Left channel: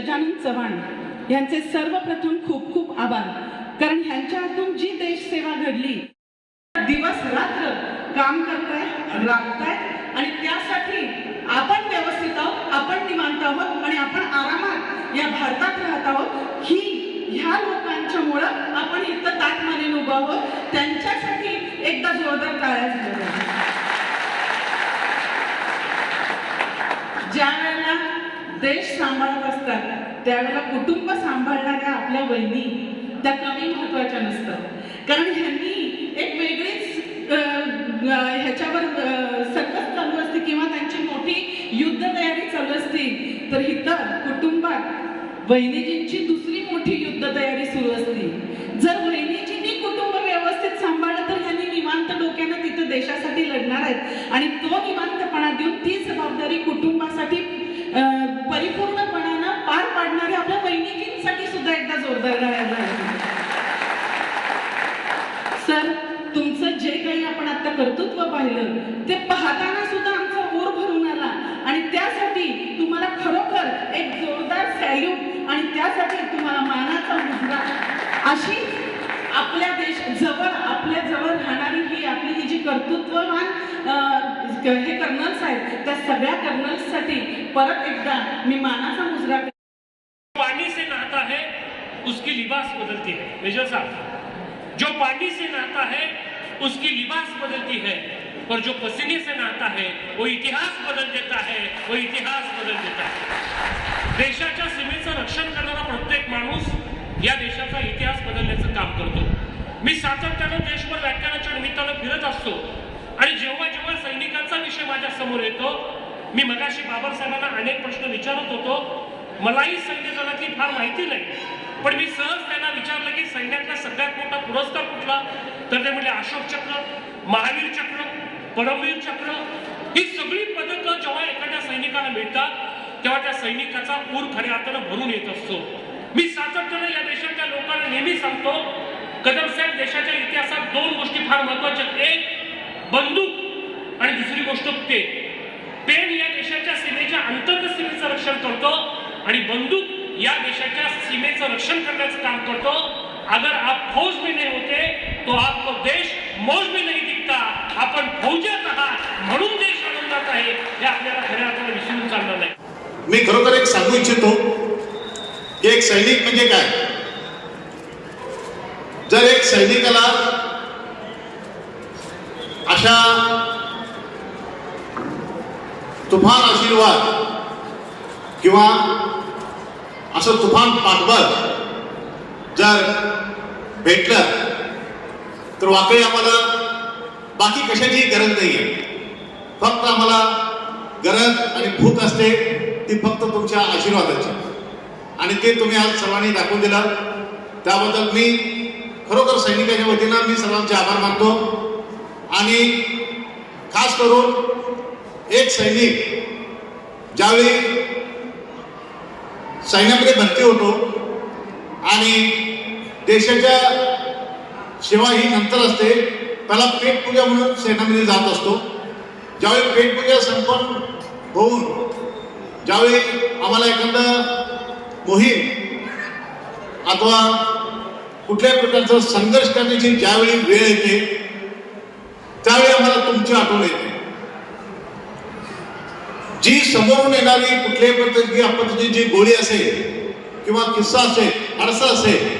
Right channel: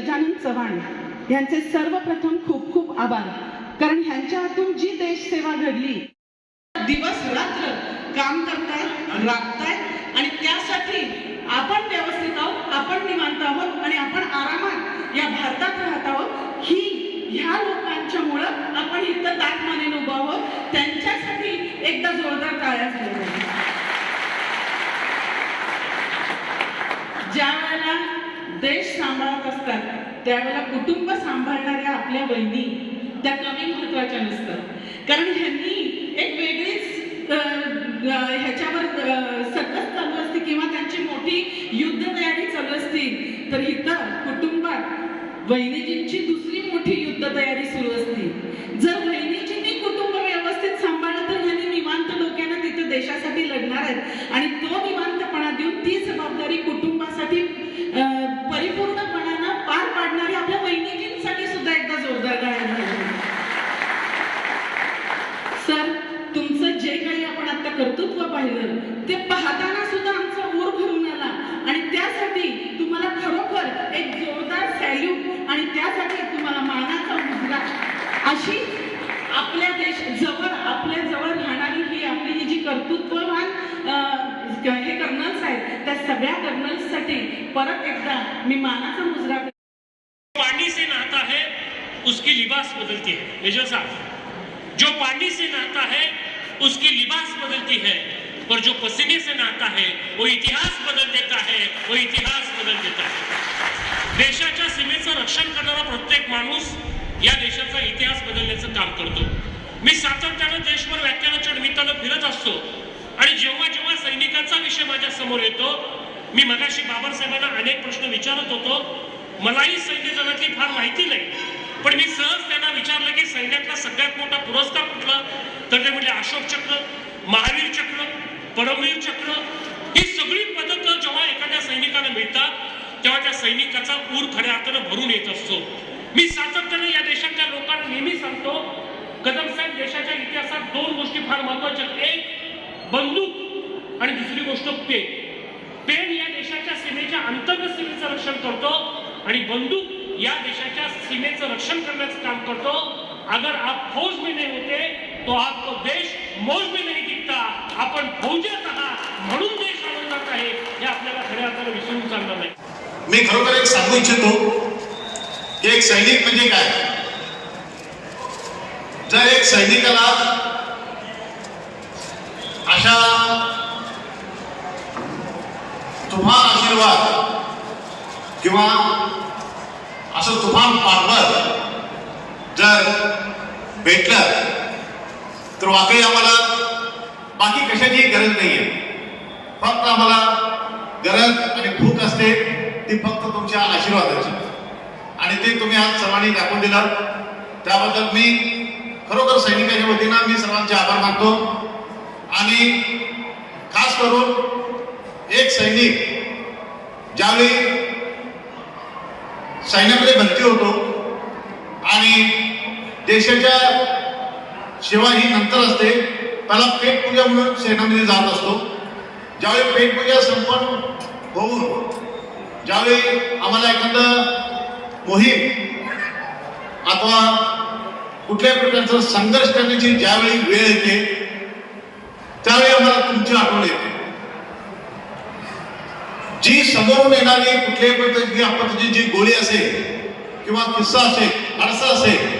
गजानन चव्हाण यांचे सर्वप्रथम खूप खूप आभार. कारण ह्यांच्या हातून जी देशसेवा घडली दिवस रात्र काम करताय राबताय आणि त्यासाठी आपण व्यवस्थित आहोत आपण निवांत आहोत आणि आपण आरामात या भारतात राहत आहोत. ही ह्या लोकांच्यामुळं आपण इथं ताटमाने उभं आहोत. त्यांच्यासाठी एकदा जोरदार टाळ्या झाल्या ज्या देश सांभाळत असतात त्यावेळेला कुटुंब सांभाळणाऱ्या आपल्या बहिणी त्या कमी महत्त्वाच्या नसतात. कारण ह्यांनी एक वेगळीच ह्याच्यावर सकस चालू असते किंवा त्यांची मोठी युद्ध तयारी चालू असती. तर इथं कुटुंबात बहिणीजींची दुसरी मोठी युद्ध तयारी सुरू असते. जर बहिणीजींनी कुटुंब व्यवस्थित सांभाळलं तर ह्यांनी निवांत डोक्यानं तिथे देशासाठी लढणार आहेत. आणि तो निवांतपणा देऊन ती जबाबदारी कुटुंब कर्तृत्व पाहिलं ते पाहताना सुद्धा आमचा ऊर भरून आला. आणि त्यासाठी तुम्हाला खरोखर एक जोरदार सॅल्यूट आणि त्यासाठी तुम्हाला मानाचा मुद्रा. अशी आपल्या देश जवळ आपल्या जवळ राहणारी ही आपली ही जी कर्तृत्ववान अं, हे कर्नल्स आहेत त्या सगळ्या कर्नल्ससाठी परत एकदा मी मानाचा मुजरा पाणी से नहाता है उसकी लिबास बदलती है. मेजर साहब जो पानी से नहाता है उसकी लिबास बदलती है और जो पसीने से नहाता है वो इतिहास बदल देता है वो इतिहास बदल देता है। देशाच्या सीमेचं रक्षण करणारा प्रत्येक माणूस या देशाचा इतिहास बदलण्याचं काम करतो. मी सातत्यानं देशभर व्याख्यानाच्या निमित्तानं फिरत असतो आणि जेव्हा जेव्हा सैनिकांचा विषय माझ्यासमोर येतो मी मगाशी बाबासाहेबांना अनेक प्रश्न विचारत होतो. मलाही सैन्य जगातली फार माहिती नाही पण मी सहज त्यांना विचारलं की सैन्यातला सगळ्यात मोठा पुरस्कार कुठला? तर ते म्हटले अशोक चक्र महावीर चक्र परमवीर चक्र. ही सगळी पदक जेव्हा एखाद्या सैनिकाला मिळतात तेव्हा त्या सैनिकाचा पूर खऱ्या अर्थानं भरून येत असतो. मी सातत्यानं या देशातल्या लोकांना नेहमी सांगतो कदम साहेब देशाच्या इतिहासात दोन गोष्टी फार महत्त्वाच्या एक बंदूक आणि दुसरी गोष्ट पेन. पेन या देशाच्या सीमेच्या अंतर्गत सीमेचं रक्षण करतो. आणि बंदूक या देशाच्या सीमेचं रक्षण करण्याचं काम करतो. अगर आप फौज में नहीं होते तो आपको देश मौज में नहीं दिखता. आपण फौजात आहात म्हणून देश आनंदात आहे हे आपल्याला खऱ्या अर्थानं विसरून नाही. मी खरोखर एक सांगू इच्छितो. एक सैनिक म्हणजे काय? जर एक सैनिकाला अशा तुफान आशीर्वाद किंवा असं तुफान पाठबळ जर भेटलं तर वाकई आम्हाला बाकी कशाची गरज नाहीये. फक्त आम्हाला गरज आणि भूक असते ती फक्त तुमच्या आशीर्वादाची. आणि ते तुम्ही आज सर्वांनी दाखवून दिलं. त्याबद्दल मी खरोखर सैनिकांच्या वतीनं मी सर्वांचे आभार मानतो. आणि खास करून एक सैनिक ज्यावेळी सैन्यामध्ये भरती होतो. आणि देशाच्या सेवा ही नंतर असते. त्याला पेटपूजा म्हणून सैन्यामध्ये जात असतो. ज्यावेळी पेटपूजा संपन्न होऊन ज्यावेळी आम्हाला एखादा मोहीम अथवा कुठल्याही प्रकारचा संघर्ष करण्याची ज्यावेळी वेळ येते त्यावेळी आम्हाला तुमची आठवण येते. जी समोरून येणारी कुठल्याही प्रकारची आपत्तीची जी गोळी असेल किंवा किस्सा असेल आरसा असेल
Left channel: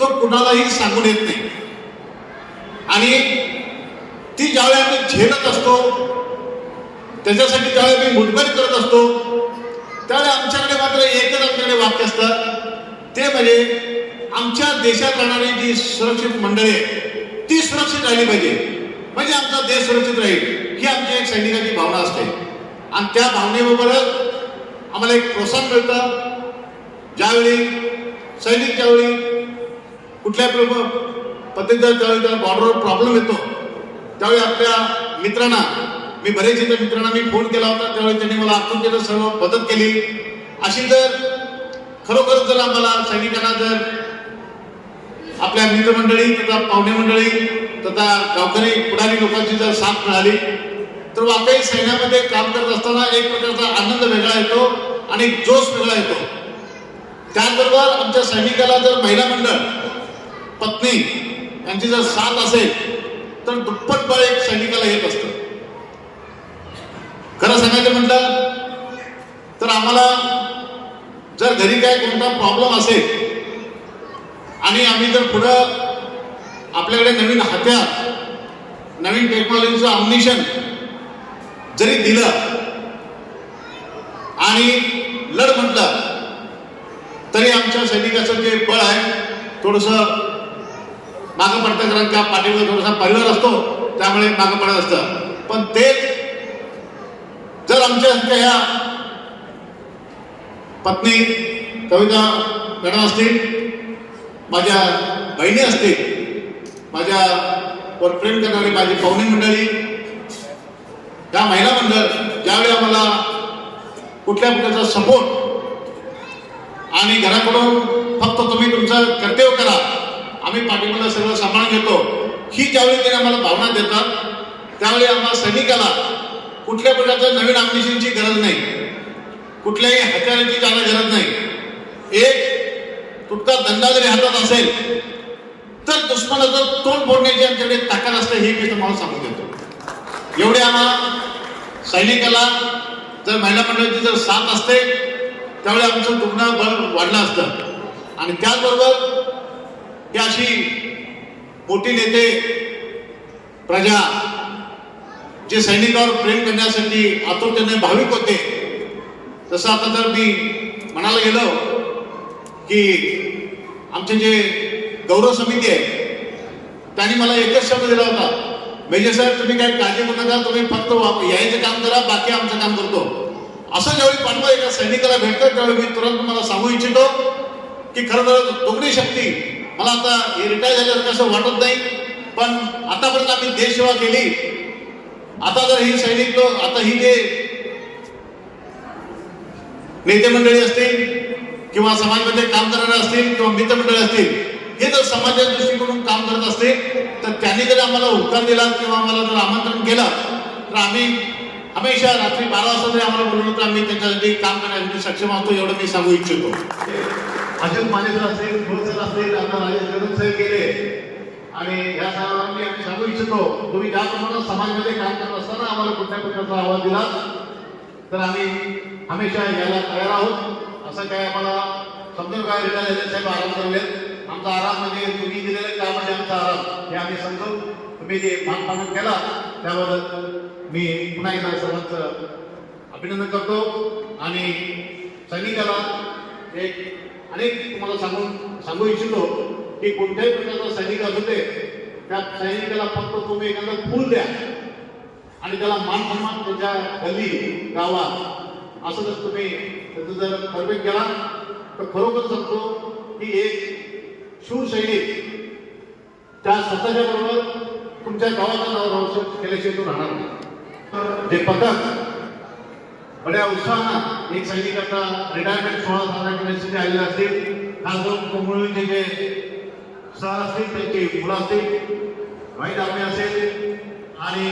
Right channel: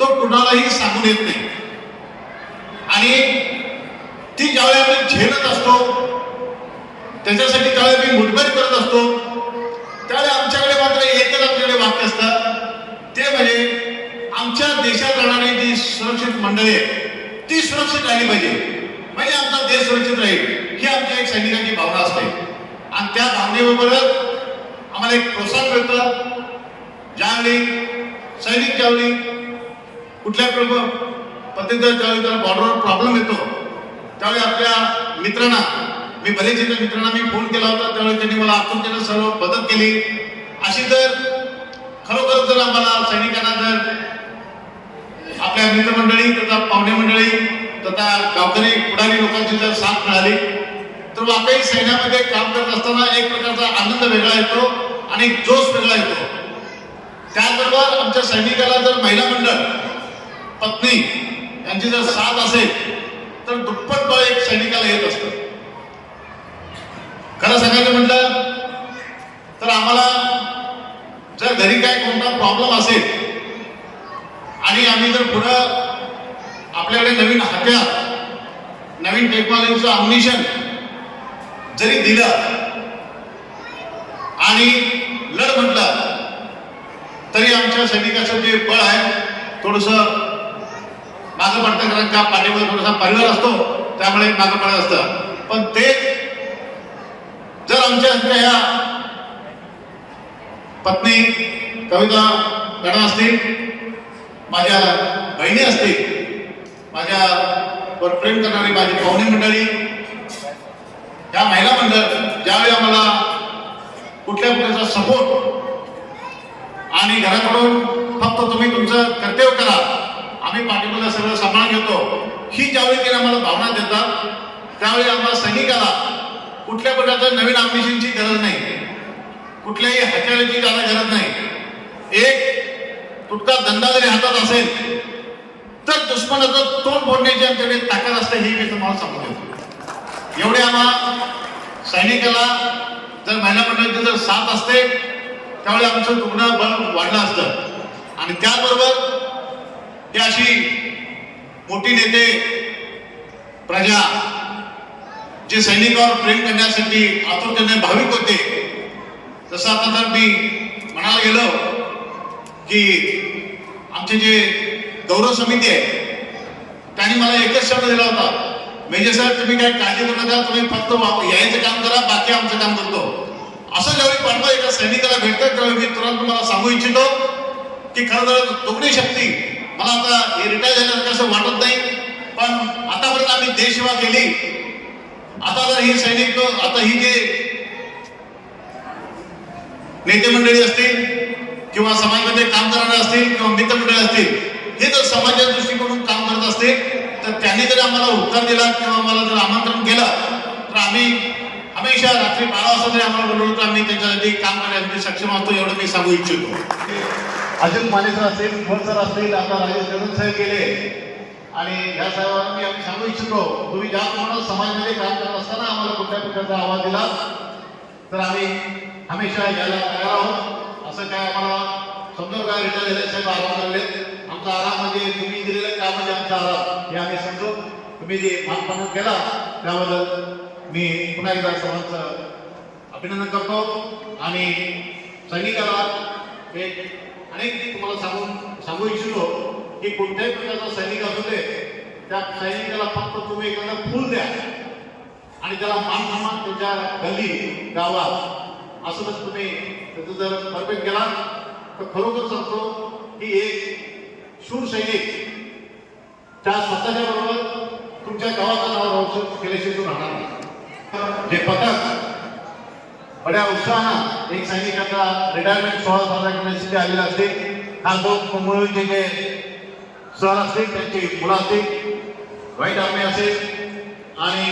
तो कुणालाही सांगून येत नाही. आणि ती ज्यावेळी आपण झेलत असतो त्याच्यासाठी ज्यावेळी मी मुठभर करत असतो त्यावेळी आमच्याकडे मात्र एकच आमच्याकडे वाक्य असतात ते म्हणजे आमच्या देशात राहणारी जी सुरक्षित मंडळे आहे ती सुरक्षित राहिली पाहिजे. म्हणजे आमचा देश सुरक्षित राहील ही आमच्या एक सैनिकाची भावना असते. आणि त्या भावनेबरोबरच आम्हाला एक प्रोत्साहन मिळतं. ज्यावेळी सैनिक ज्यावेळी कुठल्या पद्धतीचा ज्यावेळी त्याला बॉर्डरवर प्रॉब्लेम येतो त्यावेळी आपल्या मित्रांना मी बरेच एका मित्रांना मी फोन केला होता त्यावेळी त्यांनी मला आत्महत्येला सर्व मदत केली. अशी जर खरोखर जर आम्हाला सैनिकांना जर आपल्या मित्रमंडळी तथा पाहुणे मंडळी तथा गावकरी पुढारी लोकांची जर साथ मिळाली तर सैन्यामध्ये काम करत असताना एक प्रकारचा आनंद वेगळा येतो आणि जोश वेगळा येतो. त्याचबरोबर आमच्या सैनिकाला जर महिला मंडळ पत्नी यांची जर साथ असेल तर दुप्पट बळ एक सैनिकाला येत असतं. खरं सांगायचं म्हटलं तर आम्हाला जर घरी काय कोणता प्रॉब्लेम असेल आणि आम्ही जर पुढं आपल्याकडे नवीन हत्यार नवीन टेक्नॉलॉजीचं ऑमिशन जरी दिलं आणि लढ म्हटलं तरी आमच्या सैनिकाचं जे बळ आहे थोडस मागं पडतं कारण पाठीवर थोडासा परिवार असतो त्यामुळे मागं पडत असतं. पण ते जर आमच्या ह्या पत्नी कविता मॅडम असतील माझ्या बहिणी असतील माझ्या प्रेम करणारी माझी पाहुणी मंडळी त्या महिला मंडळ ज्यावेळी आम्हाला कुठल्या प्रकारचा सपोर्ट आणि घराकडून फक्त तुम्ही तुमचं कर्तव्य करा आम्ही पाठिंबा सगळं सांभाळून घेतो. ही ज्यावेळी ते आम्हाला भावना देतात त्यावेळी आम्हाला सैनिकाला कुठल्या प्रकारच्या नवीन आमिषांची गरज नाही. कुठल्याही हत्याराची जागा गरज नाही. एक तुटका धंदा जरी हातात असेल तर दुश्मनाचं तोंड फोडण्याची आमच्याकडे ताकद असते हे मी तुम्हाला सांगू देतो. एवढे आम्हाला सैनिकाला जर महिला मंडळाची जर साथ असते त्यावेळी आमचं रुग्ण बळ वाढलं असतं. आणि त्याचबरोबर ते अशी मोठी नेते प्रजा जे सैनिकावर प्रेम करण्यासाठी आतुरतेने भाविक होते. तसं आता जर मी म्हणायला गेलो की आमचे जे गौरव समिती आहे त्यांनी मला एकच शब्द दिला होता. मेजर साहेब तुम्ही काही काळजी करू नका तुम्ही फक्त यायचं काम करा बाकी आमचं काम करतो. असं ज्यावेळी पाहतो एका सैनिकाला भेटतो त्यावेळी मी तुला तुम्हाला सांगू इच्छितो की खरं तर तुकडी शक्ती मला आता रिटायर झाल्यावर कसं वाटत नाही पण आतापर्यंत आम्ही देशसेवा केली. आता जर ही सैनिक आता ही जे नेते मंडळी असतील किंवा समाजामध्ये काम करणारे असतील किंवा मित्रमंडळी असतील हे जर समाजाच्या दृष्टीकडून काम करत असतील त्यांनी जर आम्हाला उत्तर दिला किंवा आम्हाला जर आमंत्रण केलं तर आम्ही हमेशा रात्री बारा वाजता जरी आम्हाला बोलवलं तर आम्ही त्याच्यासाठी काम करण्यासाठी सक्षम असतो एवढं मी सांगू इच्छितो. अजून मानेसर असतील खोल सर असतील आता राजेश कदम साहेब गेले. आणि या सर्वांना मी आम्ही सांगू इच्छितो तुम्ही ज्या प्रमाणात समाजामध्ये काम करत असताना आम्हाला कुठल्या प्रकारचा आवाज दिला तर आम्ही हमेशा यायला तयार आहोत. असं काय आम्हाला समजून काय रिटायर साहेब आराम करावेत आमचा आराम म्हणजे तुम्ही दिलेलं काम म्हणजे आमचा आराम हे आम्ही समजू तुम्ही जे मानपान केला त्याबद्दल मी पुन्हा एकदा सर्वांचं अभिनंदन करतो. आणि सैनिकाला एक अनेक तुम्हाला सांगून सांगू इच्छितो की कोणत्याही प्रकारचा सैनिक असू दे त्या सैनिकाला फक्त तुम्ही एखादं फूल द्या आणि त्याला मान सन्मान त्याच्या गल्ली गावात असं जर तुम्ही त्याचं जर परफेक्ट केला तर खरोखर सांगतो की एक शूर सैनिक त्या स्वतःच्या बरोबर तुमच्या गावाचं नाव रोशन केल्याशिवाय राहणार नाही. जे पथक बड्या उत्साहानं एक सैनिकांना रिटायरमेंट सोहळा साजरा करण्यासाठी आलेला असते. हा जो कुंभळीचे जे सर असतील त्यांची मुलं असतील वाईट आम्ही असेल आणि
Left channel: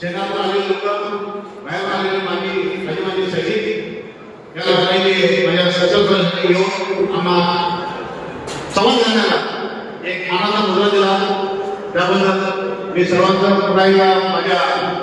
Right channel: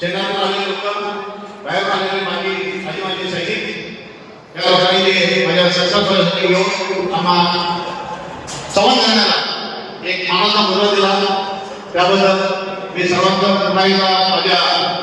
शेतातून आलेले लोक बाहेरून आलेले बाकी माझे सैनिक या पहिले माझ्या सशस्त्र येऊन आम्हाला एक मानाचा मुद्रा दिला. त्याबद्दल मी सर्वांचा अभिप्राय माझ्या